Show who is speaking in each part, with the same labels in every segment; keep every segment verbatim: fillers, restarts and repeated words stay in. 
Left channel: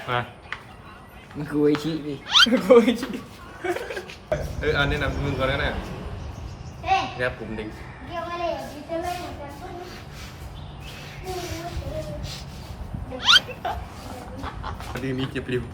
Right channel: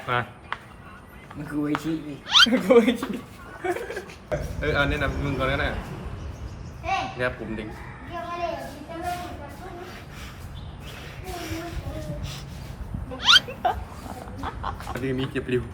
Speaker 1: มา
Speaker 2: มันคือไอชิดิ
Speaker 1: กูไอชิเออเอาแนะนำมึงก่อนก็ได้เนี่ยปุ่มดิ่งพอดีมีเก็บริว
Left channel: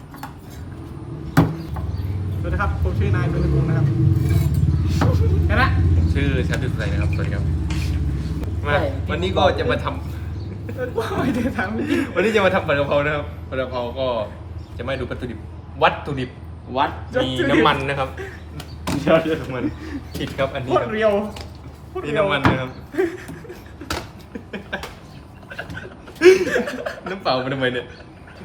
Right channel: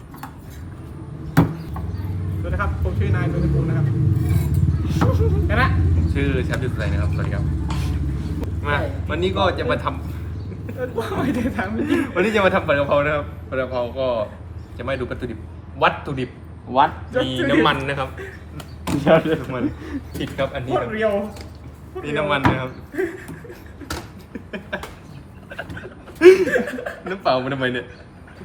Speaker 3: สวัสดีครับผมชื่อนายเป็นตระกูลนะครับกันนะ
Speaker 1: ผมชื่อแชมป์ดุษไซนะครับสวัสดีครับมาวันนี้ก็จะมาทำ
Speaker 3: ไม่ได้ทำ
Speaker 1: วันนี้จะมาทำผัดกะเพรานะครับผัดกะเพราก็จะไม่ดูวัตถุดิบวัตถุดิบ
Speaker 2: วัด
Speaker 1: มีน้ำมันนะครับเยอะน้ำมันผิดครับอันนี้ครับ
Speaker 3: เรียว
Speaker 1: นี่น้ำมันนะครับน้ำเปล่ามันทำไมเนี่ย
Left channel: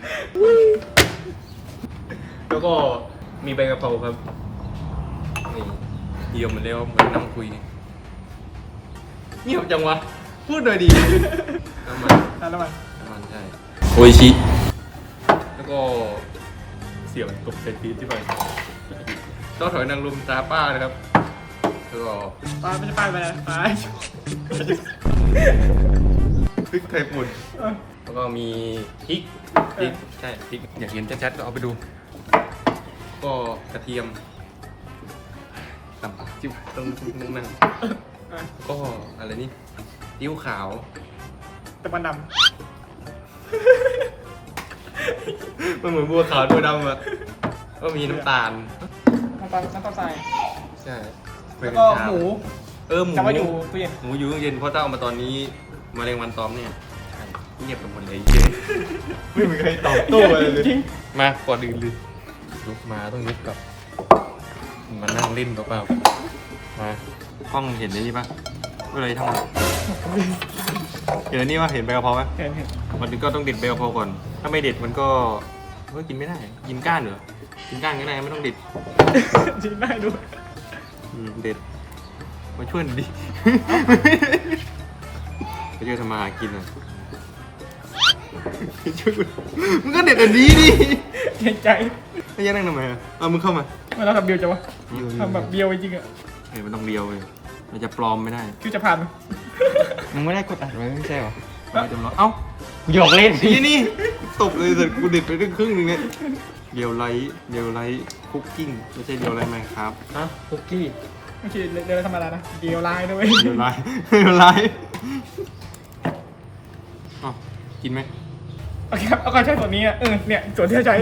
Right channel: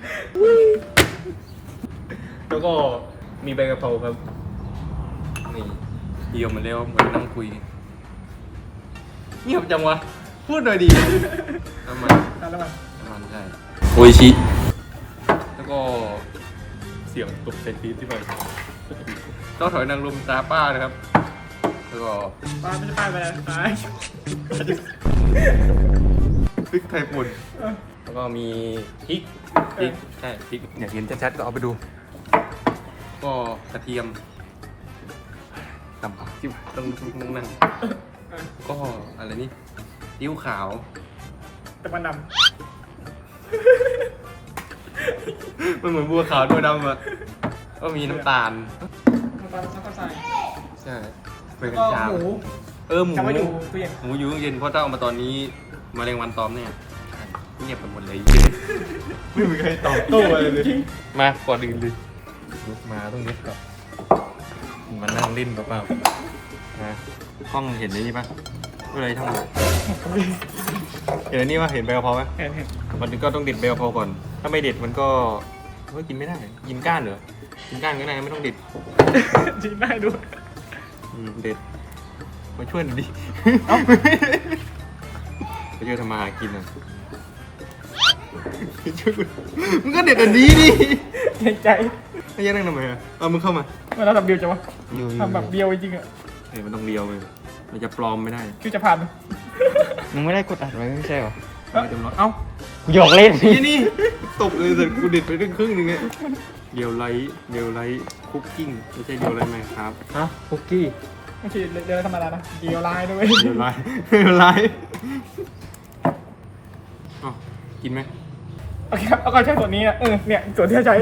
Speaker 1: แล้วก็มีใบกะเพราครับนี่เดียวมันแล้วเหมือนนั่งคุยเงียบจังวะพูดหน่อยดีน้ำมัน
Speaker 3: น้ำมัน
Speaker 1: น้ำมันใช่โออิชิแล้วก็เสียงตกใส่ปี๊บที่ไปต้องถอยนางรมตาป้านะครับแล้วก็
Speaker 3: ป้าไม่ใช่ป้าไปแล้วป้า
Speaker 1: พริกไทยป่นแล้วก็มีพริกพริกใช่พริกอยากเห็นชัดๆก็เอาไปดูก็กระเทียมตำปากจิ้มต้องต้องนั่งก็อะไรนี่ติ้วขาว
Speaker 3: ตะวันดำ
Speaker 1: มันเหมือนบัวขาวบัวดำอะก็มีน้ำตาล
Speaker 3: น้ำตาลน้ำตาลทราย
Speaker 1: ใช่เป็น
Speaker 3: ก็หมู
Speaker 1: เออหมู
Speaker 3: จะมาอยู่ตู้เย็น
Speaker 1: หมูอยู่ตู้เย็นเพราะถ้าเอามาตอนนี้มะเร็งวันตอมเนี่ยใช่เงียบกันหมดเลยไม่มีใครตอบโต้อะไรเลยมาก่อนอื่นเลยลุกมาต้องลุกก่อนมานั่งเล่นเปล่าๆมากล้องเห็นได้นี่ปะอะไรทั้งหมดเห็นนี่ปะเห็นใบกะเพราไหม
Speaker 3: เห็นเห็น
Speaker 1: มันก็ต้องเด็ดใบกะเพราก่อนถ้าไม่เด็ดมันก็ก็กินไม่ได้กินก้านเหรอกินก้านก็ได้ไม่ต้องเด็ด
Speaker 3: กินได้ด้วย
Speaker 1: เด็ดมาช่วยหน่อยดิไปช่วยทำมาหากินอ่ะช่วยมึงก็เด็ดอันนี้ดิ
Speaker 3: เห็นใจ
Speaker 1: ไม่ยังนั่งทำไมอ่ะเอามึงเข้ามา
Speaker 3: เวลาทำเบียวจะวะทำแบบเบียวจริงอ่ะ
Speaker 1: เฮ้ยมันต้องเบียวเลยมันจะปลอมไม่ได้
Speaker 3: คือจะผ่าน
Speaker 2: มึงไม่ได้กดอัดไว้ไม่ใช่หรอ
Speaker 1: ไม่จำลองเอ้า
Speaker 2: หยอกเล่น
Speaker 1: นี่นี่ตบเลยแต่กูเด็ดไปครึ่งนึงเนี่ยเดียวไลท์เดียวไลท์คุกกิ้งไม่ใช่เดียวไลท์ไหมครับ
Speaker 2: เอ้าคุกกี้
Speaker 3: ไม่ใช่เดี๋ยวธรรมดานะเดียวไลท์ด้วย
Speaker 1: เดียวไลท์เดียวไลท์อ๋อกินไหม
Speaker 3: โอเคครับเอาก็ใช้ส่วนนี้อ่ะเออเนี่ยส่วนที่ใช้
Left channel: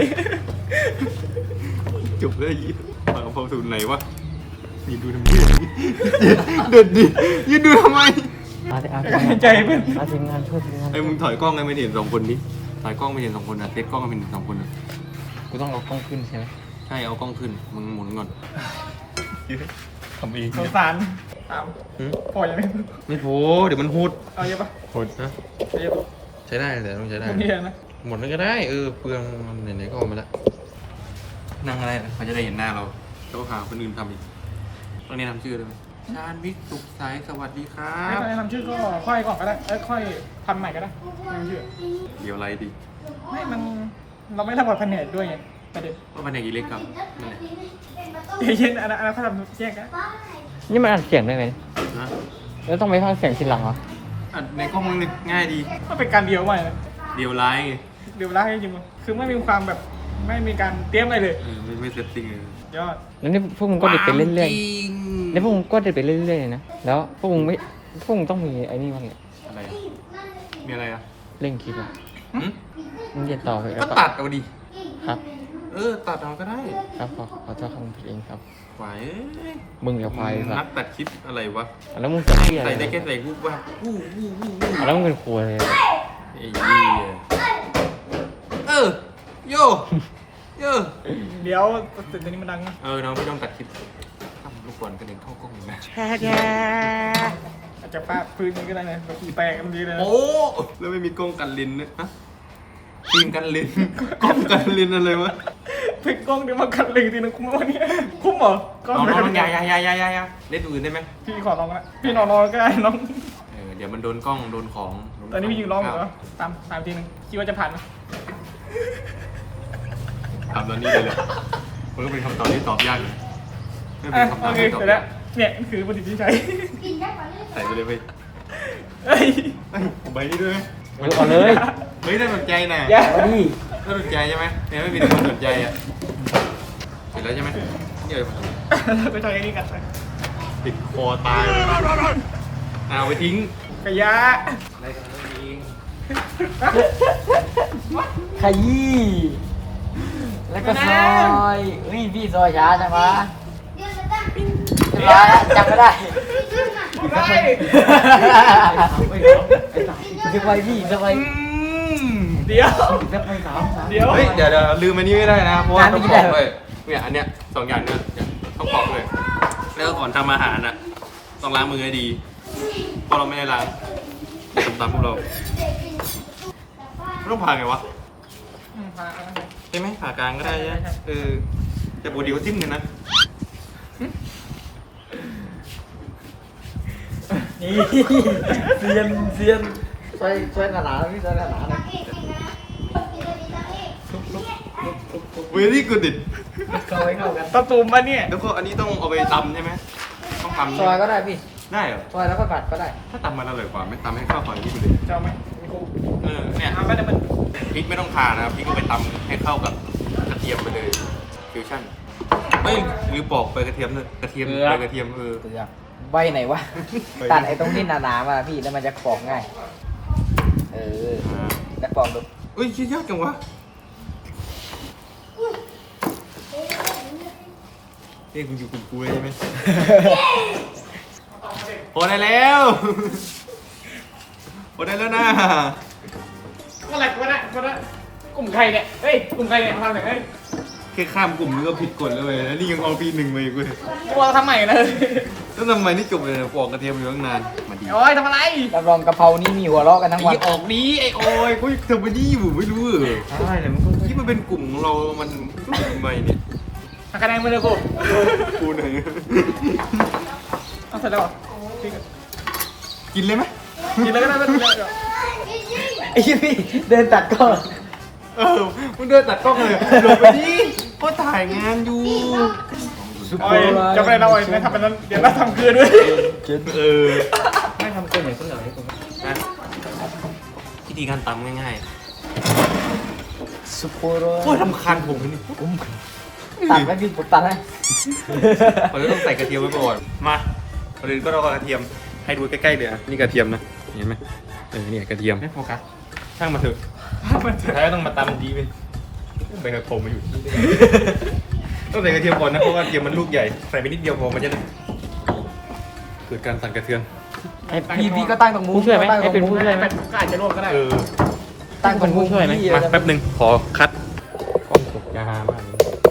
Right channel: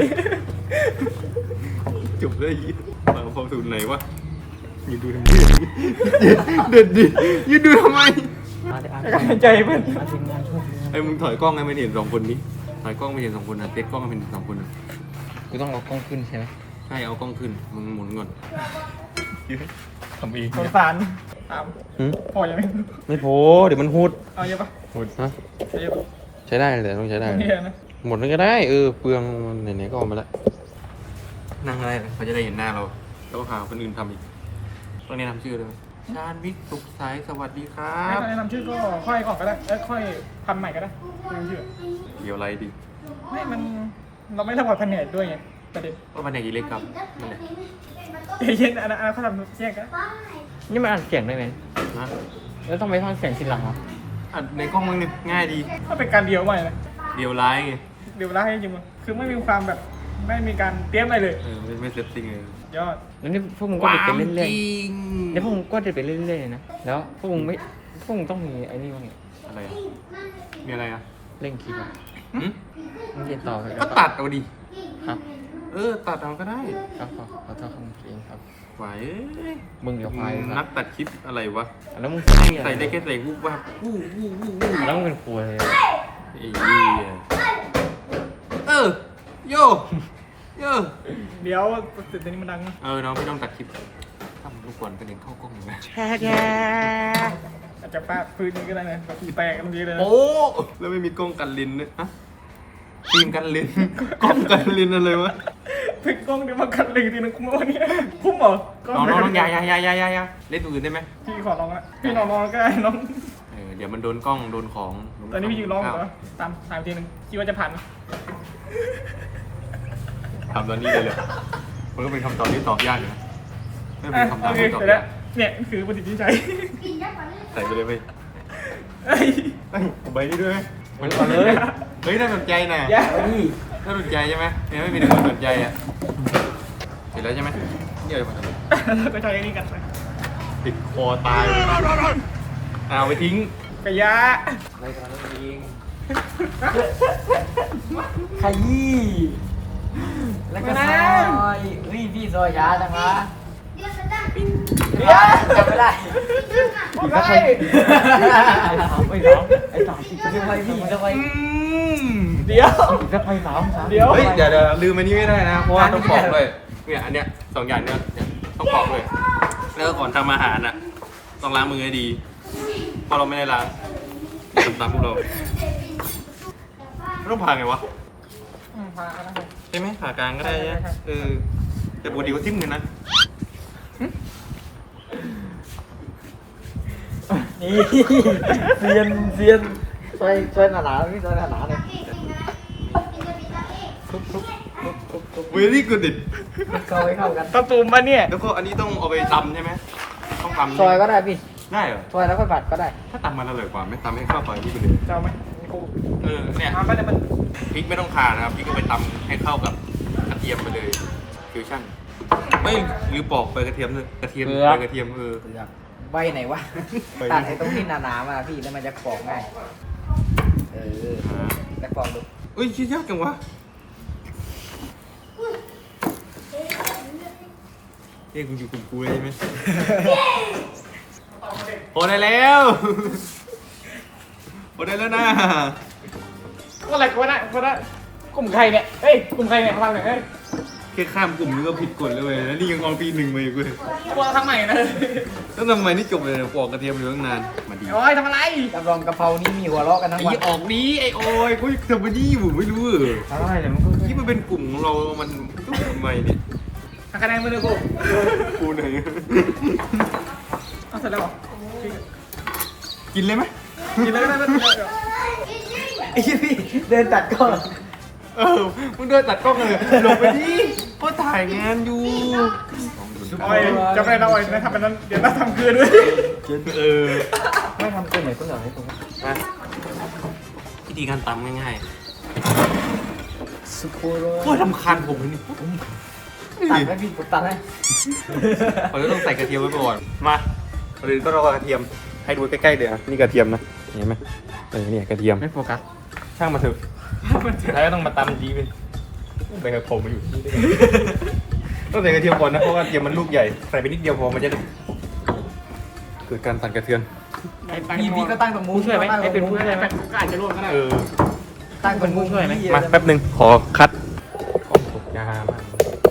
Speaker 1: จบเลยยี่ปากพอสูตรไหนวะยืนดูทำไมเด็ดดิยืนดูทำไม
Speaker 3: ใจเพื่อน
Speaker 1: ไอ้มึงถอยกล้องให้ไม่เห็นสองคนนี้ถอยกล้องไม่เห็นสองคนนะเต็กกล้องให้ไม่เห็นสองคนนะ
Speaker 2: กูต้องเอากล้องขึ้นใช่ไหม
Speaker 1: ใช่เอากล้องขึ้นมึงหมุนก่อนทำเอง
Speaker 3: สงสารตามพอยังไม่
Speaker 1: ไม่พอเดี๋ยวมันหูด
Speaker 3: เอาเยอะปะ
Speaker 1: หูดนะ
Speaker 3: ใช้เยอะปะ
Speaker 1: ใช้ได้เลยต้องใช้ได้หมดเลยก็ได้เออเปลืองไหนๆก็ออกมาแล้วนั่งอะไรเขาจะได้เห็นหน้าเราต้องหาคนอื่นทำอีกต้องแนะนำชื่อเลยไหมชาญวิทย์สุขสายสวัสดีครับ
Speaker 3: แนะนำชื่อก็ค่อยก่อนก็ได้เอ้ค่อยทำใหม่ก็ได้แนะนำชื่อ
Speaker 1: เดี๋ยวอะไรดี
Speaker 3: ไม่มันเราไม่ทำกับแผนกด้วยไงประเด็น
Speaker 1: ว่าแผนกอีเล็กครับนั่นแหละ
Speaker 3: เย็นอันนั้นอันนั้นเขาทำแยกกัน
Speaker 2: นี่มันอัดเสียงได้ไหม
Speaker 1: นะ
Speaker 2: แล้วต้องไปฟังเสียงทีหลังเหรอ
Speaker 1: อัดในกล้องมึงนี่ง่ายดี
Speaker 3: ก็เป็นการเดียวใหม่นะ
Speaker 1: เดียวไลฟ์ไง
Speaker 3: เดียวไลฟ์จริงๆคือไม่มีความแบบไม่มีการเตรียมอะไรเลย
Speaker 1: เออไม่ไม่เซตติ้งเลย
Speaker 3: ยอด
Speaker 2: แล้วนี่พวกมึงก็เด็ดไปเรื่อยๆนี่พวกมึงก็เด็ดไปเรื่อยๆนะแล้วพวกมึงไม่พวกมึงต้องมีไอ้นี่บ้าง
Speaker 1: อะไรมีอะไรอ่ะ
Speaker 2: เร่งคลิปมึงเรียนต่อไป
Speaker 1: ก็ตัดเอาดิ
Speaker 2: ครับ
Speaker 1: เออตัดเอาก็ได้
Speaker 2: ครับขอขอโทษคุณเองครับ
Speaker 1: ไหว
Speaker 2: มึงอย่าไป
Speaker 1: นักตัดคลิปอะไรวะ
Speaker 2: แล้วมึง
Speaker 1: ใส่ได้แค่ใส่วูบวับวูบวูบวูบวูบ
Speaker 2: แล้วมึงเป็นครัวเลย
Speaker 1: ไอ้ยี่เออโยเออ
Speaker 3: เดี๋ยวเสร็จตอนนี้มันดังนะ
Speaker 1: เออน้องพี่ต้องตัดคลิปทำลูกบอลกระเด็นเข้ากล้องอยู่ไหม
Speaker 2: แช่แช่
Speaker 3: อาจจะฟาดพื้นนี้ก็ได้นะแบบแตกกันทีเลย
Speaker 1: โอ้แล้วไม่มีกล้องกันลิ้นเนี่ยฮะฟิล์มกันลิ้นกล้องกันลิ้นอะไรวะ
Speaker 3: พลิกกล้องเดี๋ยวมากันลิ้นทีนึงคุ้มวันนี้คุ้มเหรอ
Speaker 1: น้องน้องยายายายายายาเล่นตัวอื่นได้ไหม
Speaker 3: พี่ขอลองนะพี่นอนนอนก็ได้น้อง
Speaker 1: เออเดี๋ยวมันโดนกล้องโดนของ
Speaker 3: ตอนนี้พี่ยืนร้องเหรอตามตามทีนึงคิดว่าจะผ่านไหม
Speaker 1: ทำตอนนี้เลยเลยมันก็เป็นคำตอบที่ตอบยากเลยไม่เป็นคำตอบที่ตอบยาก
Speaker 3: เนี่ยคือปฏิทินใจ
Speaker 1: ใส่ไปเลยไป
Speaker 3: เฮ้ย
Speaker 1: ใบนี้ด้วย
Speaker 2: มันเลย
Speaker 1: เฮ้ยน่าสนใจนะ
Speaker 2: นี่
Speaker 1: น่าสนใจใช่ไหมยังไม่มีคนสนใจอ่ะเสร็จแล้วใช่ไหมเดี๋ยวมาทำ
Speaker 3: แล้วก็ใช้อันนี้กันไป
Speaker 1: ติดคอตายเลยเอาไปทิ้ง
Speaker 3: กระยะ
Speaker 2: อะไรกันเองขยี้แล้วก็ซอยนี่พี่ซอยยาจังวะ
Speaker 3: เดี๋ยว
Speaker 2: จับไม่ได้
Speaker 3: ไม่
Speaker 2: ไม่รู้ไอ้จ่ายจะไปพี่จะไป
Speaker 3: เดี๋ยว
Speaker 2: จะไปสามสาม
Speaker 3: เดี๋ยว
Speaker 1: เฮ้ยเดี๋ยวเดี๋ยวลืมอันนี้ไม่ได้นะ เพราะว่าต้องปอกเลยเนี่ยอันเนี้ยสองอย่างเนี้ยเนี่ยต้องปอกเลยแล้วก็ก่อนทำอาหารอ่ะต้องล้างมือให้ดีเพราะเราไม่ได้ล้างอย่าทำตามพวกเราไม่ต้องผ่าไงวะ
Speaker 3: อืมพาเอาละ
Speaker 1: ใช่ไหมผ่ากลางก็ได้ใช่ไหมเออแต่ปกติก็ทิ่มกันนะ
Speaker 2: นี่เซียนเซียนซอยซอยหนาๆนี่ซอยหนาๆเลยทุบทุบทุบทุบทุบ
Speaker 1: เวลี่กูดิด
Speaker 2: ซอยเข้ากัน
Speaker 3: ตะตุ่มมาเนี่ย
Speaker 1: แล้วก็อันนี้ต้องเอาไปตำใช่ไหมต้องตำ
Speaker 2: ซ
Speaker 1: ใช่
Speaker 2: อ
Speaker 1: ไหม
Speaker 2: ยก็ได้พี่
Speaker 1: ได้เหรอ
Speaker 2: ซอยแล้วก็ผัดก็ได้
Speaker 1: ถ้าตำมันอร่อยกว่าไม่ตำให้ข้าวซอยนี่ไปเลย
Speaker 3: จะเอาไหมมีกู
Speaker 1: เออเนี่ย
Speaker 3: ทำไปเดี๋ยวมัน
Speaker 1: พริกไม่ต้องทานะครับพริกก็ไปตำให้เข้ากับกระเทียมไปเลยฟิวชั่นไม่หรือปอกไปกระเทียมเลยกระเทียมไปกระเทียมเออ
Speaker 2: เกลือใบไหนวะตัดไอ้ตรงที่หนาๆมาพี่แล้วมันจะปอกง่ายเออ
Speaker 1: อ่า
Speaker 2: แล้วปอกดู
Speaker 1: เอ้ยคิดยากจังวะเฮ้ยคุณอยู่กลุ่มกูเลยใช่ไหมพอได้แล้วพอได้แล้วนะ
Speaker 3: ก็อะไรก็ได้ก็ได้กลุ่มใครเนี่ยเฮ้ยกลุ่มใครเนี่ยทำอย่างเฮ้ย
Speaker 1: แค่ข้ามกลุ่มนี่ก็ผิดกฎแล้วเว้ยแล้วนี่ยังเอาปีหนึ่งมาอีกเว้ย
Speaker 3: พวกเราทำใหม่นะ
Speaker 1: แล้วทำไมนี่จบเลยปอกกระเทียมอยู่ตั้งนานมาดี
Speaker 3: โอ้ยทำอะไร
Speaker 2: รับรองกะเพรานี่มีหัวเราะกันทั้งวัน
Speaker 1: ไอ้ออกนี้ไอ้โอ้ยกูทำมาดีอยู่ไม่รู้เออ
Speaker 2: ใช่แต่มันก็
Speaker 1: ที่มันเป็นกลุ่มของเรา มันก็ทำไมเนี่ย
Speaker 3: หักคะแนนมาเลยกู
Speaker 1: กูไหน
Speaker 3: เอาเสร็จแล้วเหรอ
Speaker 1: กินเลยไหม
Speaker 3: กินแล้วก็ได้ไม่เป็นไรหรอก
Speaker 2: ไอ้พี่เดินตัดก้อน
Speaker 1: เออมึงเดินตัดกล้องเลยลงไปดิก็ถ่ายงานอยู่
Speaker 3: โอ้ยจะไปเราโอ้ยไม่ทำเป็นนั้นเดี๋ยวเราทำคืนด้วย
Speaker 1: เออ
Speaker 2: ไม่ทำเกินเหมือนเพื่อนให้ตรง
Speaker 1: นะวิธีการตำง่าย
Speaker 2: สุโคโร
Speaker 1: ๆโคตรทำคัญผมเลยนี่
Speaker 2: ตัดไม่พี่ผมตัดให้
Speaker 1: เราจะต้องใส่กระเทียมไว้ก่อนมาก่อนอื่นก็รอกระเทียมให้ดูใกล้ๆเดี๋ยวนี่กระเทียมนะเห็นไหมเออเนี่ยกระเทียม
Speaker 2: ไม่โฟกัส
Speaker 1: ช่างมาเถอะสุดท้ายก็ต้องมาตำจีไปไปกับผมมาอยู่ที่นี่ต้องใส่กระเทียมก่อนนะเพราะว่ากระเทียมมันลูกใหญ่ใส่ไปนิดเดียวพอมันจะได้เกิดการสั่นกระเทือน
Speaker 2: พี่พี่ก็ตั้งตรงมุ้ง
Speaker 3: ช่วยไหม
Speaker 2: ตั้ง
Speaker 3: ไอ้
Speaker 2: ตร
Speaker 3: เป็น
Speaker 2: งมุ้ง
Speaker 3: ไอ้เป็นก็อาจจะร่วมก็ได้
Speaker 1: เออ
Speaker 2: ตั้งตรงมุ้งช่วยไหม
Speaker 1: มาแป๊บหนึ่งขอคัดกล้องตกยาบ้าน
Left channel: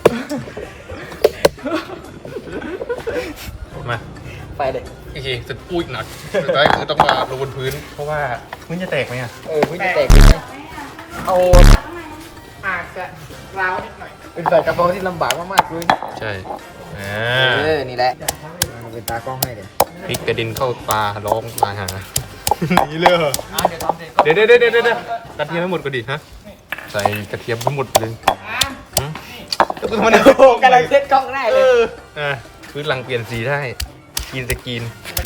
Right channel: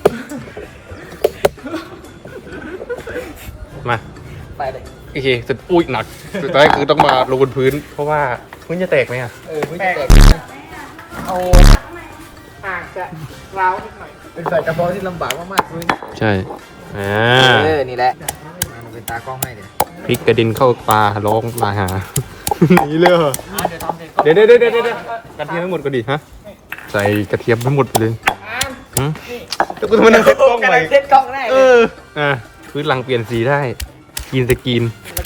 Speaker 1: มา
Speaker 2: ไปเลย
Speaker 1: โอเคจะอุ้ยหนักสุดท้ายคือต้องมาลงบนพื้น เพราะว่าพื้นจะแตกไหมอ่ะ
Speaker 2: เออพี่แตก
Speaker 3: เอาอาจจะล้าวนิดหน่อย
Speaker 2: ใส่กระเพราที่ลำบากมากๆเลย
Speaker 1: ใช่อ่า
Speaker 2: เออนี่แหละมาเป็นตากล้องให้เลย
Speaker 1: พริกกระดินเข้าตาร้องตาหานี่เลยเหรอ
Speaker 2: อ่ะเดี๋ยวตอนเสร็จก็
Speaker 1: เดี๋ยวเดี๋ยวเดี๋ยวเดี๋ยวกระเทียมทั้งหมดก็ดีฮะใส่กระเทียมทั้งหมดไปเลยหืมแล้วก็มัน
Speaker 2: โอ้กำลังเซ็ตกล้องได้
Speaker 1: เอ
Speaker 2: เลย
Speaker 1: ออ่ะพื้นหลังเปลี่ยนสีได้กินสกรีน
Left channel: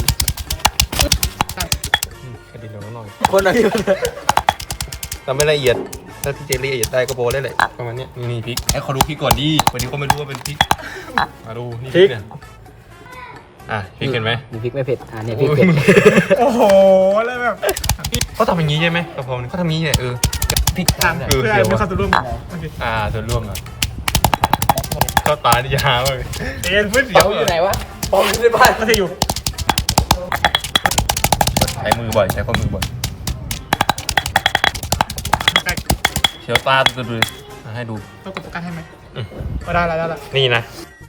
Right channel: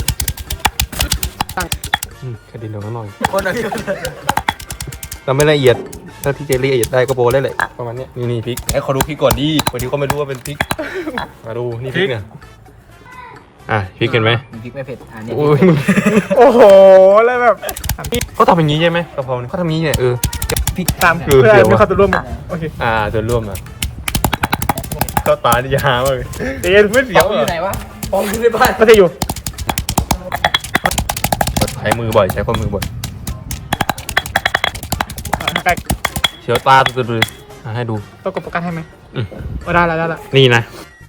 Speaker 1: อืมกระดินลงมาหน่อย
Speaker 2: คนอะไร
Speaker 1: ก็ไม่ละเอียด ถ้าที่เจละเอียดได้ก็โบได้แหละประมาณเนี้ยนี่นี่พริกไอ้ขอดูพริกก่อนดิวันนี้ก็ไม่รู้ว่าเป็นพริกมาดูนี่พริกเนี่ยอ่ะพริกเห็นไหม
Speaker 2: พริกไม่เผ็ดอันนี้พ
Speaker 1: โอ้
Speaker 2: ริก
Speaker 1: ย
Speaker 2: เผ็ด
Speaker 3: โอ้โหแล้วแบบ
Speaker 1: เขาทำอย่างนี้ใช่ไหมกะเพราเนี่ยเขาทำอย่างนี้เนี่ยเออ
Speaker 2: พริก
Speaker 3: ตาม
Speaker 1: เออ
Speaker 3: เพื่อ
Speaker 1: เดี๋ยว
Speaker 3: ไม่
Speaker 1: วะ
Speaker 3: เข้าตัวร่วมโอเค
Speaker 1: อ่าส่วนร่วมอ่ะเข้าตาที่จะหาเลยเอ๊ะไม่เสียว
Speaker 2: อ
Speaker 1: อ่ะ
Speaker 2: ยู่ไหนวะปองอยู่ในบ้าน
Speaker 3: ก็จะอยู่
Speaker 1: ใช้มือบ่อยใช้ข้อมือบ่อย
Speaker 3: ใกล้
Speaker 1: เสียวตาตุดๆเลยมาให้ดู
Speaker 3: ต้องกดโฟกัสให้ไหม
Speaker 1: อืม
Speaker 3: โอ้ได้แล้วได้แล้ว
Speaker 1: นี่นะ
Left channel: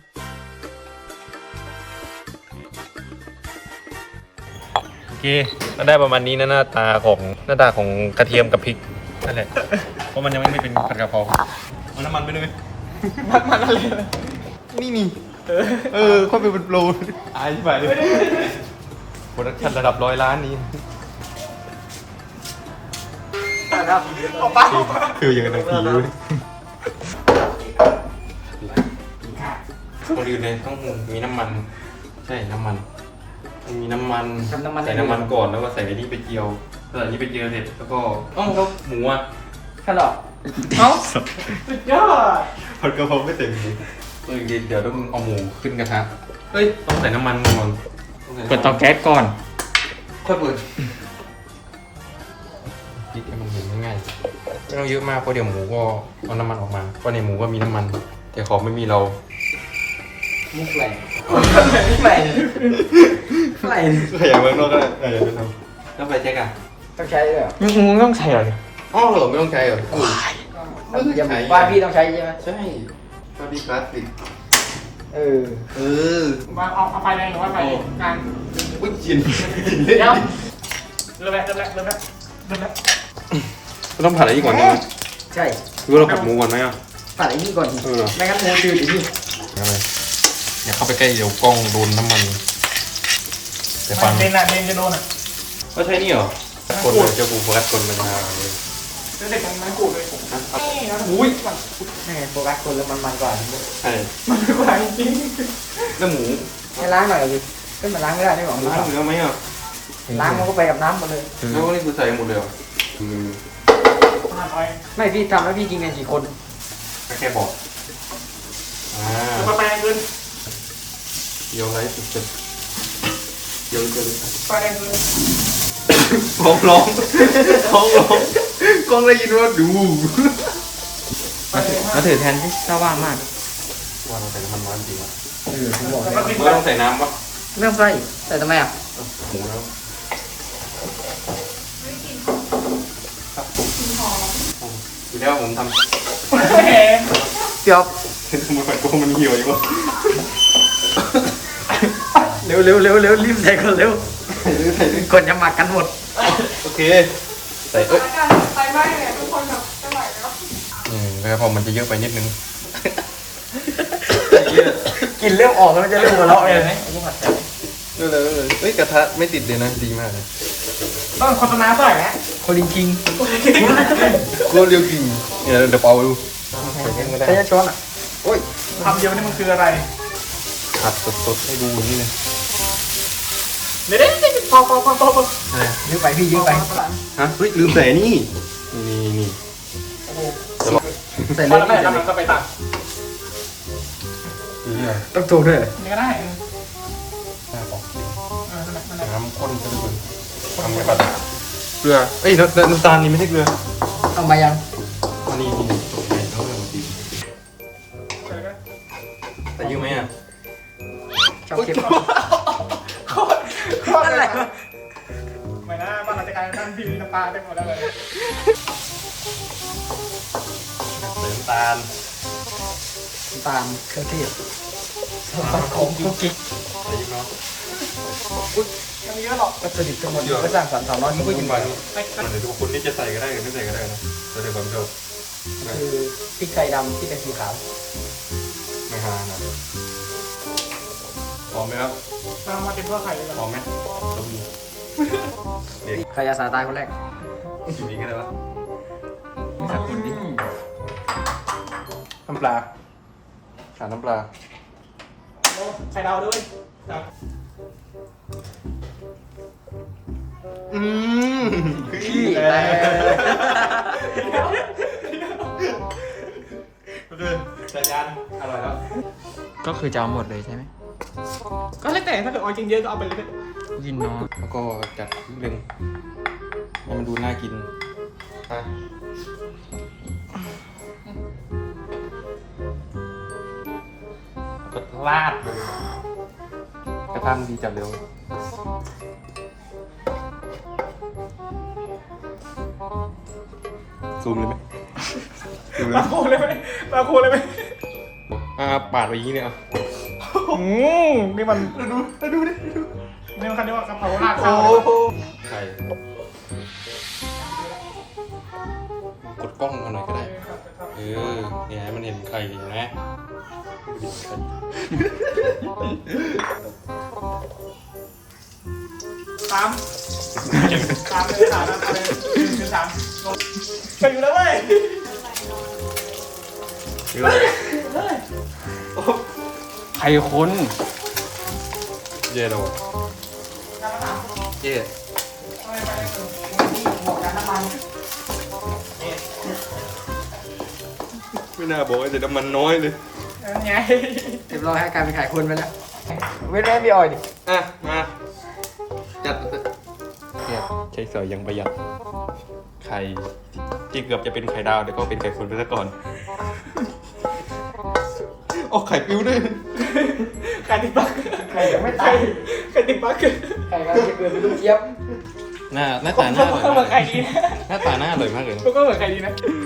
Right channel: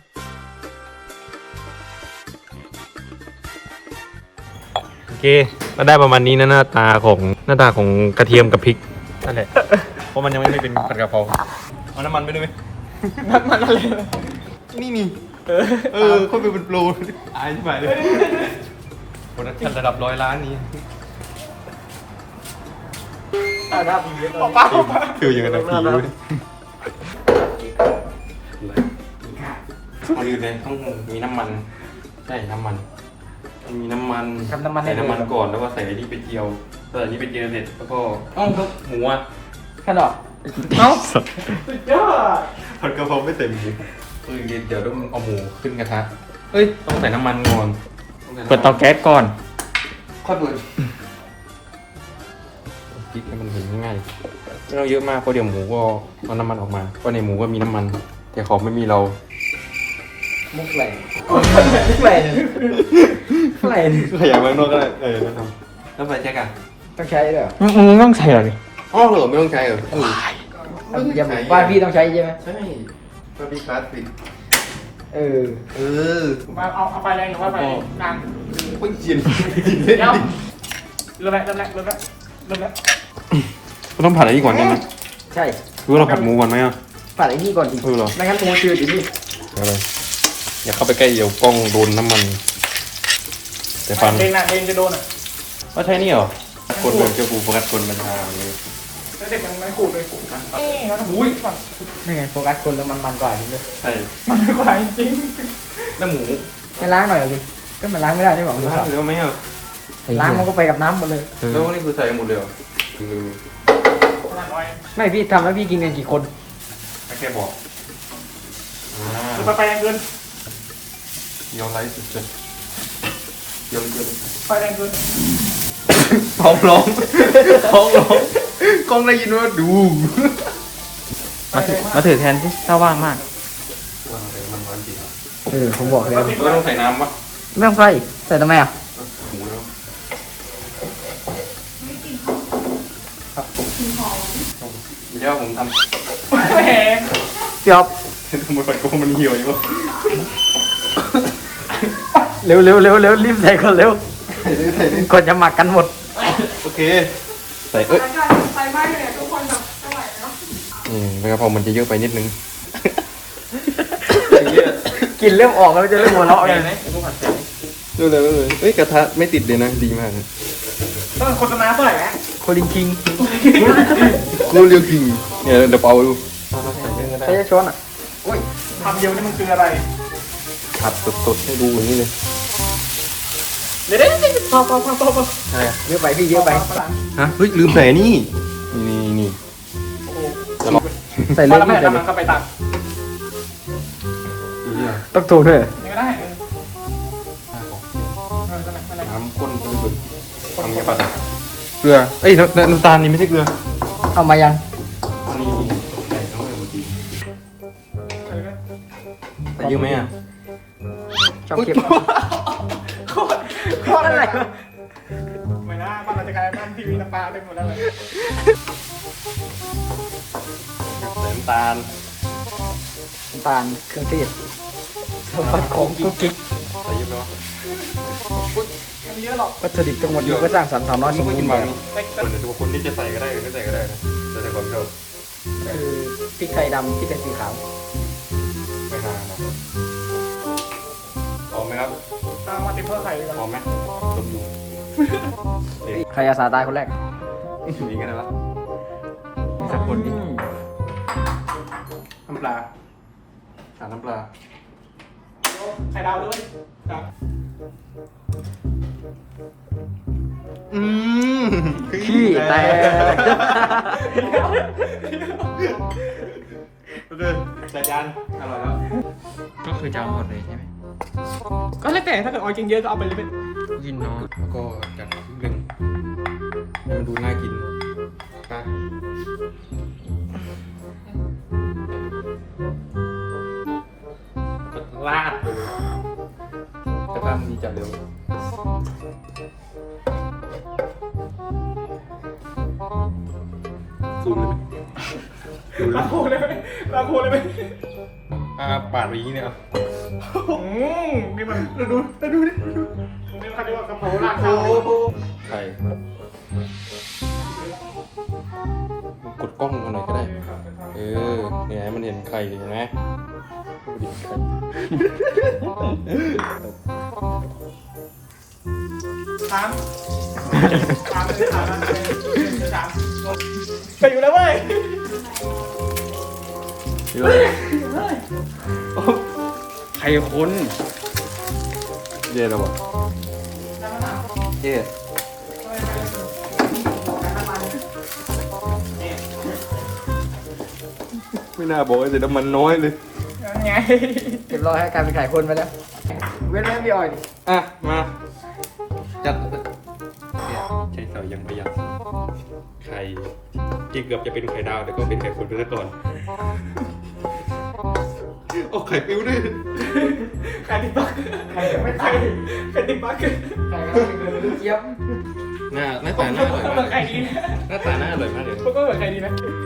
Speaker 1: โอเคก็ได้ประมาณนี้นะหน้าตาของหน้าตาของกระเทียมกับพริกนั่นแหละเพราะมันยังไม่ได้เป็นผัดกะเพราเอาน้ำมันไปด้วยไหมนี่นี่เออค่อยไปเป็นโปรอายใช่ไหมเลยโปรดักชั่นระดับร้อยล้านนี้ คือยังไงนะผีเลยต้องดีเลยต้องมีน้ำมัน ใช่น้ำมัน มีน้ำมันใส่น้ำมันก่อนแล้วก็ใส่อันนี้ไปเจียวใส่อันนี้ไปเจียวเสร็จแล้วก็ต้องเขาหมูอ่ะ
Speaker 2: ขนม
Speaker 3: เอ้าสุดยอด
Speaker 1: ผัดกะเพราไม่เต็มจริงเฮ้ยเดี๋ยวต้องเอาหมูขึ้นกระทะเฮ้ยต้องใส่น้ำมันก่อน
Speaker 2: เปิดเตาแก๊สก่อน
Speaker 1: ค่อยเปิดพริกให้มันเห็นง่ายๆไม่ต้องเยอะมากเพราะเดี๋ยวหมูก็เอาน้ำมันออกมาก็ในหมูก็มีน้ำมันแต่ของไม่มีเรา
Speaker 3: มุกแหลงมุกแหลงมุกแหลง
Speaker 1: ใส่อย่างนั้นก็ได้เออมันทำแล้วไปแจ็คอะ
Speaker 3: ต้องใช้ด้วยเหรอ
Speaker 2: มึงต้องแชร์
Speaker 1: อ้าวเหรอไม่ต้องใช้เหรอ
Speaker 3: อย่าบอกว่าพี่ต้องใช้ใช่ไหม
Speaker 1: ใช่พาพี่คลาสปิด
Speaker 3: เออ
Speaker 1: เออ
Speaker 3: มาเอาเอาไปเลยหรือว่าไปทาง
Speaker 1: ไม่กิน
Speaker 3: เดี๋ยวเริ่มแล้วเริ่มแล้วเริ่มแล้วเริ่มแล้ว
Speaker 1: ต้องผัดอะไรก่อนนี่
Speaker 3: ใช่
Speaker 1: คือว่าเราผัดหมูก่อนไหมอ่ะ
Speaker 3: ผัดไอ้นี่ก่อนดิ
Speaker 1: เออเหรอ
Speaker 3: ไม่งั้นมันจืดอยู่ดิ
Speaker 1: เอออย่าเข้าไปใกล้เดี๋ยวกล้องโดนน้ำมันเดี๋ยวฟัน
Speaker 3: เด้งนะเด้งจะโดนอ่ะ
Speaker 1: ก็ใช่นี่เหรอคนเลยเจ้าปูโฟกัสคนมันทางเลย
Speaker 3: แล้วเด็กมันมันกูดเลยอุ้ยนี่ไงโฟกัสคนมันมันกว่า
Speaker 1: ใช่
Speaker 3: มันไม่ไหวจริง
Speaker 1: แล้วหมู
Speaker 3: จะล้างหน่อยเลยก็มันล้างไม่ได้ได้หรอ
Speaker 1: ล้างอยู่แล้วไหมอ่ะ
Speaker 3: ล้างมันก็ไปกับน้ำหมดเลย
Speaker 1: แล้วนี่คือใส่หมดเลยเหรอคือ
Speaker 3: ไม่พี่ทำให้พี่กินกันกี่คน
Speaker 1: แค่บอกอ่า
Speaker 3: จะไปแรงเกิน
Speaker 1: เดี๋ยวไลฟ์สุดๆเดี๋ยวเดี๋ยว
Speaker 3: ไปแรงเกิน
Speaker 1: ท้องร้องท้องร้องกล้องได้ยินว่าดู
Speaker 2: มาถือมาถือแทนที่ถ้าว่างมาก
Speaker 1: ว่าเราใส่น้ำมันร้อนจริง
Speaker 3: เออผมบอกเลย
Speaker 1: เราต้องใส่น้ำปะ
Speaker 3: ไม่ต้องใส่ใส่ทำไมอ่ะ
Speaker 1: หมูแล้วครับผมอยู่แล้วผมทำ
Speaker 3: จบ
Speaker 1: ทำไมฝันโกงมันเหี่ยวอยู่วะ
Speaker 3: เร็วเร็วเร็วเร็วรีบใส่ก่อนเร็ว
Speaker 1: ใส่เลยใส่เลย
Speaker 3: ก่อนจะหมักกันหมด
Speaker 1: โอเคใส่เอ้ยอืมแล้วพอมันจะเยอะไปนิดนึง
Speaker 3: กินเริ่มออกแล้วจะเริ่มหัวเราะไง
Speaker 1: เร็วเลยเลยเอ้ยกระทะไม่ติดเลยนะดีมากเลย
Speaker 3: ต้องโฆษณาเท่าไหร่ฮะคนจริง
Speaker 1: เร็วเร็วจริงเดี๋ยวเดี๋ยวเอาดูใส่เพิ่มก็ได้
Speaker 3: ใช้ช้อนอ่ะโอ้ยคำเดียวนี่มันคืออะไร
Speaker 1: ผัดสดๆให้ดูอย่างนี้เลย
Speaker 3: เดี๋ยวเดี๋ยวเดี๋ยวพอพอพอพอพอเยอะไปพี่เยอะไป
Speaker 1: ฮะเฮ้ยลืมใส่นี่นี่นี่
Speaker 3: ใส่เล็กนิดเดียวมันก็ไปตัด
Speaker 1: นี่
Speaker 3: ต้องถูด้วยเนื้อได้
Speaker 1: น้ำข้นจะเป็นทำให้ผัดเกลือเอ้ยน้ำน้ำตาลนี่ไม่ใช่เกลือ
Speaker 3: เอามายัง
Speaker 1: อันนี้นี่ใส่เข้าไปหมดดีแต่เยอะไหมอ่ะ
Speaker 3: ชอบเก็บอะไรวะไม่น่าบ้านเราจะกลายเป็นบ้านพี่น้ำปลาได้หมดแล้วเลย
Speaker 1: น้ำตาล
Speaker 3: ปานเครื่องเทศโอ้กิ๊กกิ๊ก
Speaker 1: ใส่เยอะเนาะ
Speaker 3: วัตถุดิบทั้งหมดก็จ้างสามสามร้อยไม่ค่อย
Speaker 1: กิ
Speaker 3: กิ
Speaker 1: น
Speaker 3: น
Speaker 1: มั
Speaker 3: มัน น
Speaker 1: เดี๋ยวคนนี้จะใส่ก็ได้หรือไม่ใส่ก็ได้นะแต่ในความชอบ
Speaker 3: คือพริกไทยดำที่เป็นสีขาว
Speaker 1: ไม่ห่างนะหอมไหมครับ
Speaker 3: เอามาติดพวกไข่
Speaker 1: หอมไหมเด็ก
Speaker 3: ใครอาสาตายคนแรก
Speaker 1: อยู่นี่กันได้ปะน้ำปลาขาดน้ำปลา
Speaker 3: ไข่ดาวด้วย
Speaker 1: อืม
Speaker 3: ขี้อะไร
Speaker 1: เดินจัดยานอร่อยแล้ว
Speaker 2: ก็คือจะเอาหมดเลยใช่ไหม
Speaker 3: ก็แล้วแต่ถ้าเกิดออยจริงเยอะก็เอาไปเลย
Speaker 2: ยินน้อย
Speaker 1: แล้วก็จัดนิดนึงให้มันดูน่ากินนะกดลาดเลยกระทำดีจังเลยซูมเลยซูมเลย
Speaker 3: ลาโคเลยไหมลาโคเลยไหม
Speaker 1: อ่าปาดไปยี่เนี่ย
Speaker 3: อืมนี่มันดูดูดูดินี่มันคันที่ว่ากระเพราลาดข้าว
Speaker 1: ไข่กดกล้องลงมาหน่อยก็ได้ เออเนี่ยให้มันเห็นไข่เห็นไหม
Speaker 3: สามสามสามสามไปอยู่แล้วเว้ย
Speaker 2: ใครคุ้น
Speaker 1: เย่แล้วอ่ะเย่ไม่น่าบอกว่าจะน้ำมันน้อยเลย
Speaker 3: นั่นไงเรียบร้อยให้กลายเป็นไข่คนไปแล้วเว้นแม่พี่ออยดิ
Speaker 1: อ่ะมาจัดใช้สอยยังประหยัดไข่ที่เกือบจะเป็นไข่ดาวแต่ก็เป็นไข่คนไปซะก่อนโอ้ไข่ปิ้วด้วย
Speaker 3: ไข่ติ๊กต๊อกไข่ไม่ตายไข่ติ๊กต๊อกไข่ก็เลยเป็นลูกเจี๊ยบ
Speaker 1: หน้าหน้าตาหน้าอร่อย
Speaker 3: ก็เหมือนไข่ดีนะ
Speaker 1: หน้าตาหน้าอร่อยมากเลย
Speaker 3: ก็เหมือนไข่ดีนะ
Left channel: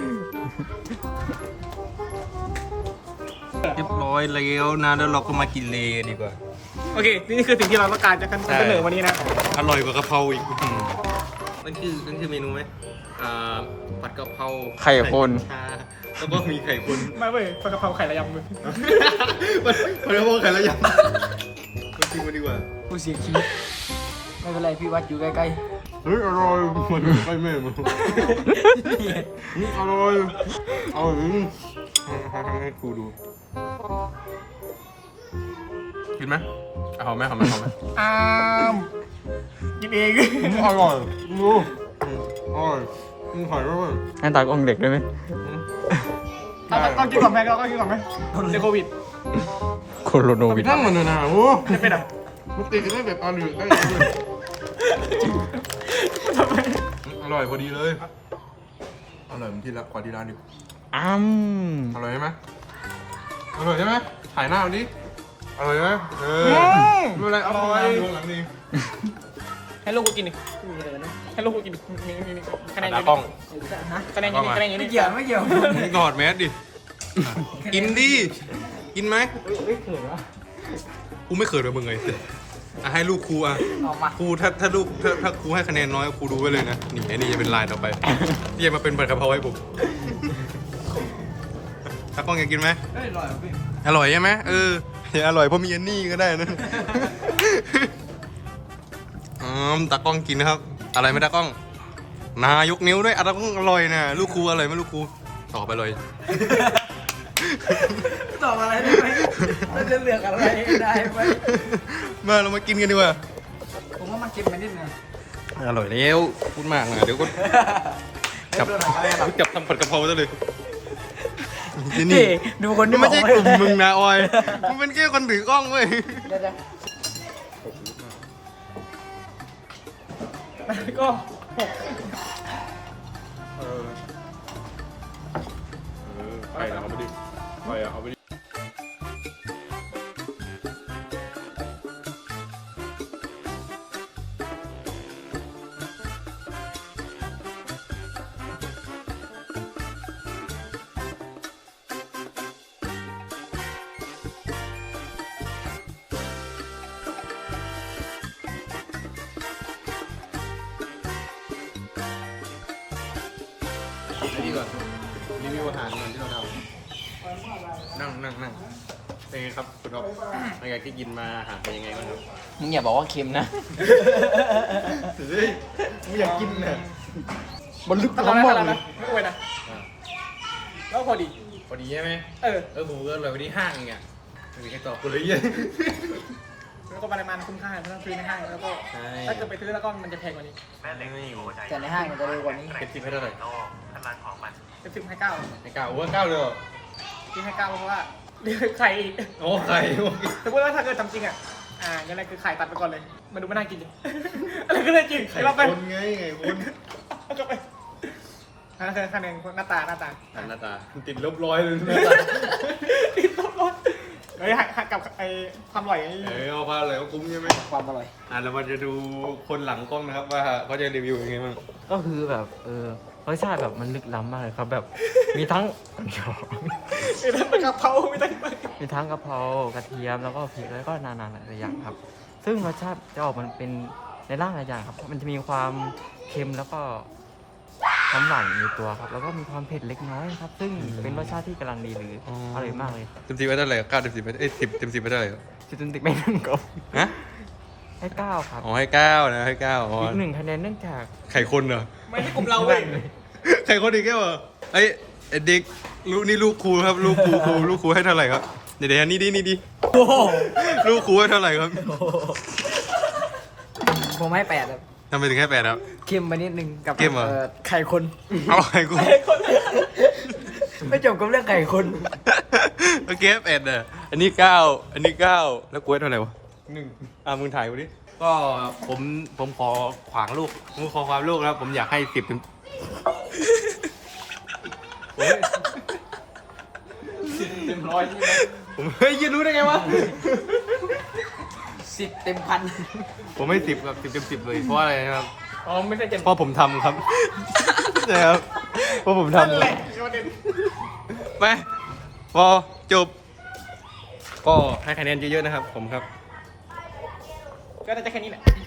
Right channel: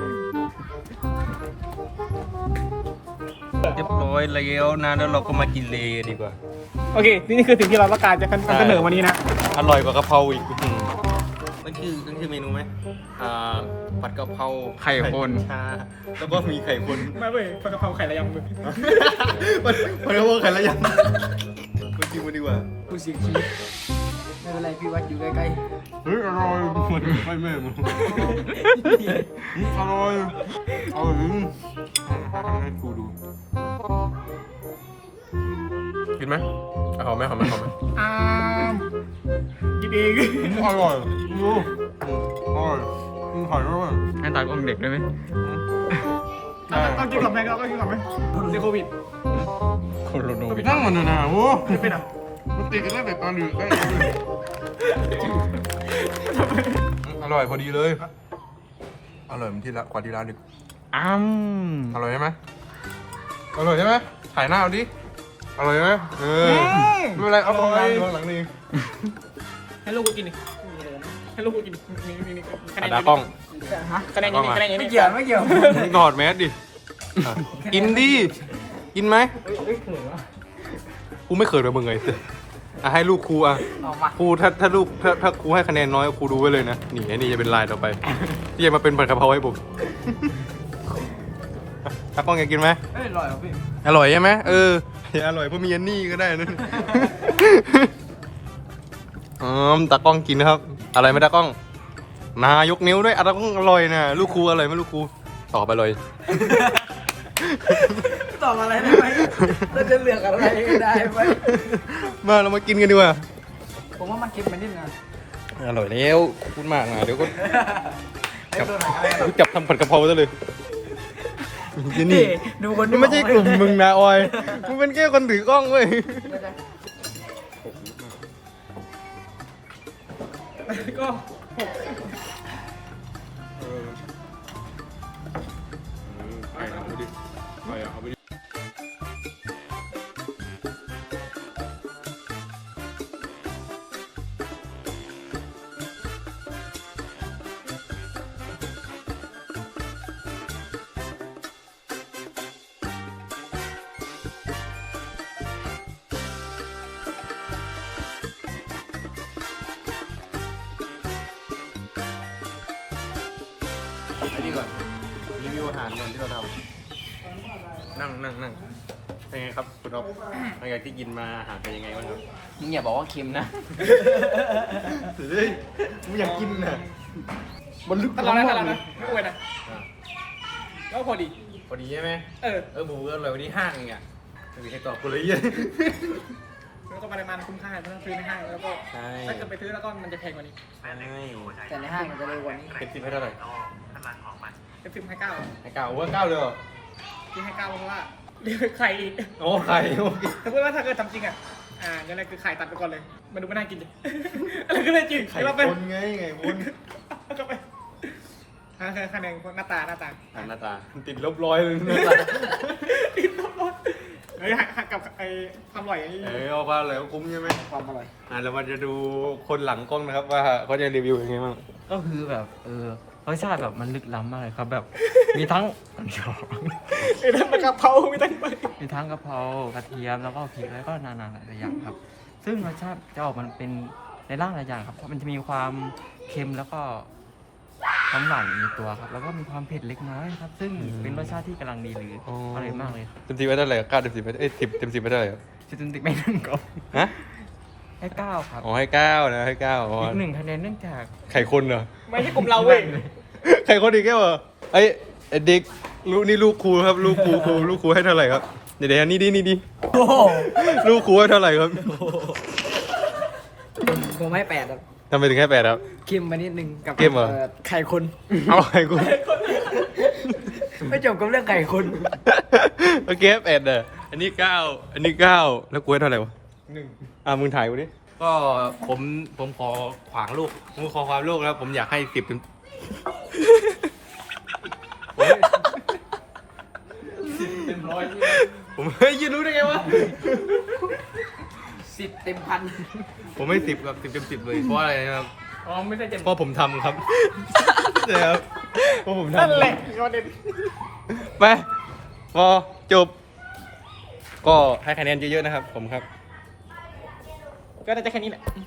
Speaker 1: เรียบร้อยแล้วนะแล้วเราก็มากินเลดีกว่า
Speaker 3: โอเคนี่คือสิ่งที่เราต้องการจะเป็น
Speaker 1: ใช่
Speaker 3: เสนอวันนี้นะ
Speaker 1: อร่อยกว่ากะเพราอีกนั่นคือนั่นคือเมนูไหมอ่าผัดกะเพรา
Speaker 2: ไข่คน
Speaker 1: ชาแล้วก็มีไข่คน
Speaker 3: ไม่เว้ยผัดกะเพราไข่ระยำมึง
Speaker 1: ผัดกะเพราไข่ละยังไปกินมาดีกว่า
Speaker 3: กูเสียชีวิตไม่เป็นไรพี่วัดอยู่ใกล้
Speaker 1: เฮ้ยอร่อยมันไม่แม่มันอร่อยอร่อยให้ครูดูกินไหมหอมไหมหอมไหมหอมไหม
Speaker 3: ๆอ้ามกินเอง
Speaker 1: อร่อยดูอร่อยกินไข่ด้วย
Speaker 2: ให้ตากล้องเด็กได้ไหม
Speaker 3: ต้องกินก่อนไหมเราต้องกินก่อนไหมเจอโควิด
Speaker 2: โคโรโนวิด
Speaker 1: นั่งมันเลยนะโอ้
Speaker 3: ไม่เป็นไร
Speaker 1: มันติดกันตั้งแต่ตอนอยู่ใกล้เลยอร่อยพอดีเลยอร่อยเหมือนที่ละกว่าที่ร้านอีก
Speaker 2: อ้ำ
Speaker 1: อร่อยใช่ไหมอร่อยใช่ไหมถ่ายหน้าวันนี้อร่อยไหมเออดูอะไรอร่อยดูหลังนี่
Speaker 3: ให้ลูกกูกินดิให้ลูกกูกินนี่นี่นี่คะแนนเยอะ
Speaker 1: กล้อง
Speaker 3: ฮะคะแนนเยอะคะแนนเยอะไม่เกี่ยวไม่เกี่ยว
Speaker 1: มึงถอดแมสดิกินดิกินไหม
Speaker 3: ไม่เขินวะ
Speaker 1: กูไม่เขินกับมึงไงอ่ะให้ลูกครูอ่ะ
Speaker 3: ออกมา
Speaker 1: ครูถ้าถ้าลูกถ้าถ้าครูให้คะแนนน้อยครูดูไว้เลยนะนี่ไอ้นี่จะเป็นลายต่อไปที่จะมาเป็นผัดกะเพราให้ผมตากล้องอยากกินไหม
Speaker 3: เฮ้ยอร่อยอ่ะพี่
Speaker 1: อร่อยใช่ไหมเอออย่าอร่อยเพราะมีอันนี่ก็ได้นะอืมตากล้องกินนะครับอะไรไหมตากล้องนายกนิ้วด้วยอ่ะตากล้องอร่อยนะลูกครูอร่อยไหมลูกครูตอบไปเลย
Speaker 3: ตอบอะไรได้ไหมเราจะเลือกอะไรได้ไหม
Speaker 1: มาเรามากินกันดีกว่า
Speaker 3: ผมว่ามันเค็มไปนิดนึง
Speaker 1: อร่อยแล้วพูดมากนะเดี๋ยวก็จับจับทำผัดกะเพราซะเลยที่นี่
Speaker 3: ดูคน
Speaker 1: มันไม่ใช่กลุ่มมึงนะออยมึงเป็นแค่คนถือกล้องเว้ย
Speaker 3: ก็
Speaker 1: เออไปเอาไปดิไปเอาไปดิไอ้นี่ก่อนรีวิวอาหารก่อนที่เราทำนั่งนั่งนั่งเป็นไงครับคุณท็อปหลังจากที่กินมาอาหารเป็นยังไงบ้างครับ
Speaker 2: มึงอย่าบอกว่าเค็มนะ
Speaker 1: เฮ้ยกูอยากกินน่ะ
Speaker 3: บนลึกตลอดนะตลอดนะไม่อวยนะแล้วพอดี
Speaker 1: พอดีใช่ไหม
Speaker 3: เออ
Speaker 1: เออผมก็เลยวันนี้ห้างเองอ่ะไม่มีใครตอบกูเลยเหี้ย
Speaker 3: แล้วก็ปริมาณคุ้มค่าถ้าซื้อในห้างแล้วก็
Speaker 1: ใช่
Speaker 3: ถ้าเกิดไปซื้อแล้วก็มันจะแพงกว่านี้
Speaker 1: ไม่
Speaker 3: แต่ในห้างมันจะเร็วกว่านี้
Speaker 1: เป็นสิบให้เท่าไหร่
Speaker 3: เป็นสิบให้เก้า
Speaker 1: ให้เก้าโอ้เก้าเลยเหรอ
Speaker 3: ที่ให้เก้าเพราะว่าเดี๋ยวไข่อีก
Speaker 1: โอ้ไข่โอเค
Speaker 3: แต่พูดว่าถ้าเกิดทำจริงอ่ะอ่ายังไงคือไข่ตัดไปก่อนเลยมาดูไม่น่ากินดิอะไรก็ได้กิน
Speaker 1: ไข่
Speaker 3: เราไป
Speaker 1: คนไงไงคน
Speaker 3: เอากลับไปอ่าคะแนนหน้าตาหน้าตา
Speaker 1: อันหน้าตาติดลบร้อยเลยหน้าตา
Speaker 3: ติดลบลบเฮ้ยหักกับไอ้ความอร่อยอย่างนี้
Speaker 1: เออเอาผ้าอะไรก็คุ้มใช่ไหม
Speaker 3: ความอร่อย
Speaker 1: อ่ะเรามาจะดูคนหลังกล้องนะครับว่าเขาจะรีวิวยังไงบ้าง
Speaker 2: ก็คือแบบเออรสชาติแบบมันลึกล้ำมากเลยครับแบบมีทั้ง
Speaker 3: มีทั้งกะเพรามีทั้ง
Speaker 2: มีทั้งกะเพรากระเทียมแล้วก็พริกแล้วก็นานาหลายๆอย่างครับ ซึ่งรสชาติจะออกมันเป็นในร่างหลายอย่างครับเพราะมันจะมีความเค็มแล้วก็ความหวานอยู่ในตัวครับ แล้วก็มีความเผ็ดเล็กน้อยครับ ซึ่งเป็นรสชาติที่กำลังดีหรือออร่อยมากเลยครับ
Speaker 1: เต็มสิบไปเท่าไหร่เก้าเต็มสิบไปเอ้ยสิบเต็มสิบไปเท่าไหร่
Speaker 2: จุดติกไม่หนึ่งครับ
Speaker 1: ฮะ
Speaker 2: ให้เก้าครับ
Speaker 1: อ๋อให้เก้านะให้เก้าอ๋อ
Speaker 2: อีกหนึ่งคะแนนเนื่องจาก
Speaker 1: ไข่คนเหรอ
Speaker 3: ไม่ใช่กลุ่มเราเลย
Speaker 1: ไข่คนอีกแค่เหรอไอ้ไอ้เด็กลูกนี่ลูกครูครับลูกครูครูลูกครูให้เท่าไหร่ครับเดี๋ยวเดี๋ยวนี่ดินี่ดิลูกครูให้เท่าไหร่ครับ
Speaker 3: ผมให้แปดครับ
Speaker 1: ทำไมถึงแค่แปดครับ
Speaker 3: เค็มมานิดนึงกับ
Speaker 1: เค็มเหรอ
Speaker 3: ไข่คน
Speaker 1: เอาไข่คน
Speaker 2: ไม่จบกับเรื่องไก่คน
Speaker 1: โอเคเอ็ดเด้ออันนี้เก้าอันนี้เก้าแล้วกูให้เท่าไหร่วะ
Speaker 3: หนึ่ง
Speaker 1: อ่ามึงถ่ายกูดิก็ผมผมขอขวางลูกผมขอความลูกแล้ว ผมอยากให้สิบถึงผมให้
Speaker 3: เต็มร้อย
Speaker 1: ผมเฮ้ยยืนรู้ได้ไงวะ
Speaker 2: สิบเต็มพัน
Speaker 1: ผมให้สิบกับสิบเต็มสิบเลยเพราะอะไรนะครับ
Speaker 3: อ๋อไม่ใช่เต็ม
Speaker 1: เพราะผมทำครับใช่ครับเพราะผม
Speaker 3: นั่น
Speaker 1: ทำ
Speaker 3: แหละเขาเต็ม
Speaker 1: ไปพอจบ ก็ให้คะแนนเยอะๆนะครับ ผมครับ
Speaker 3: ก็น่าจะแค่นี้แหละ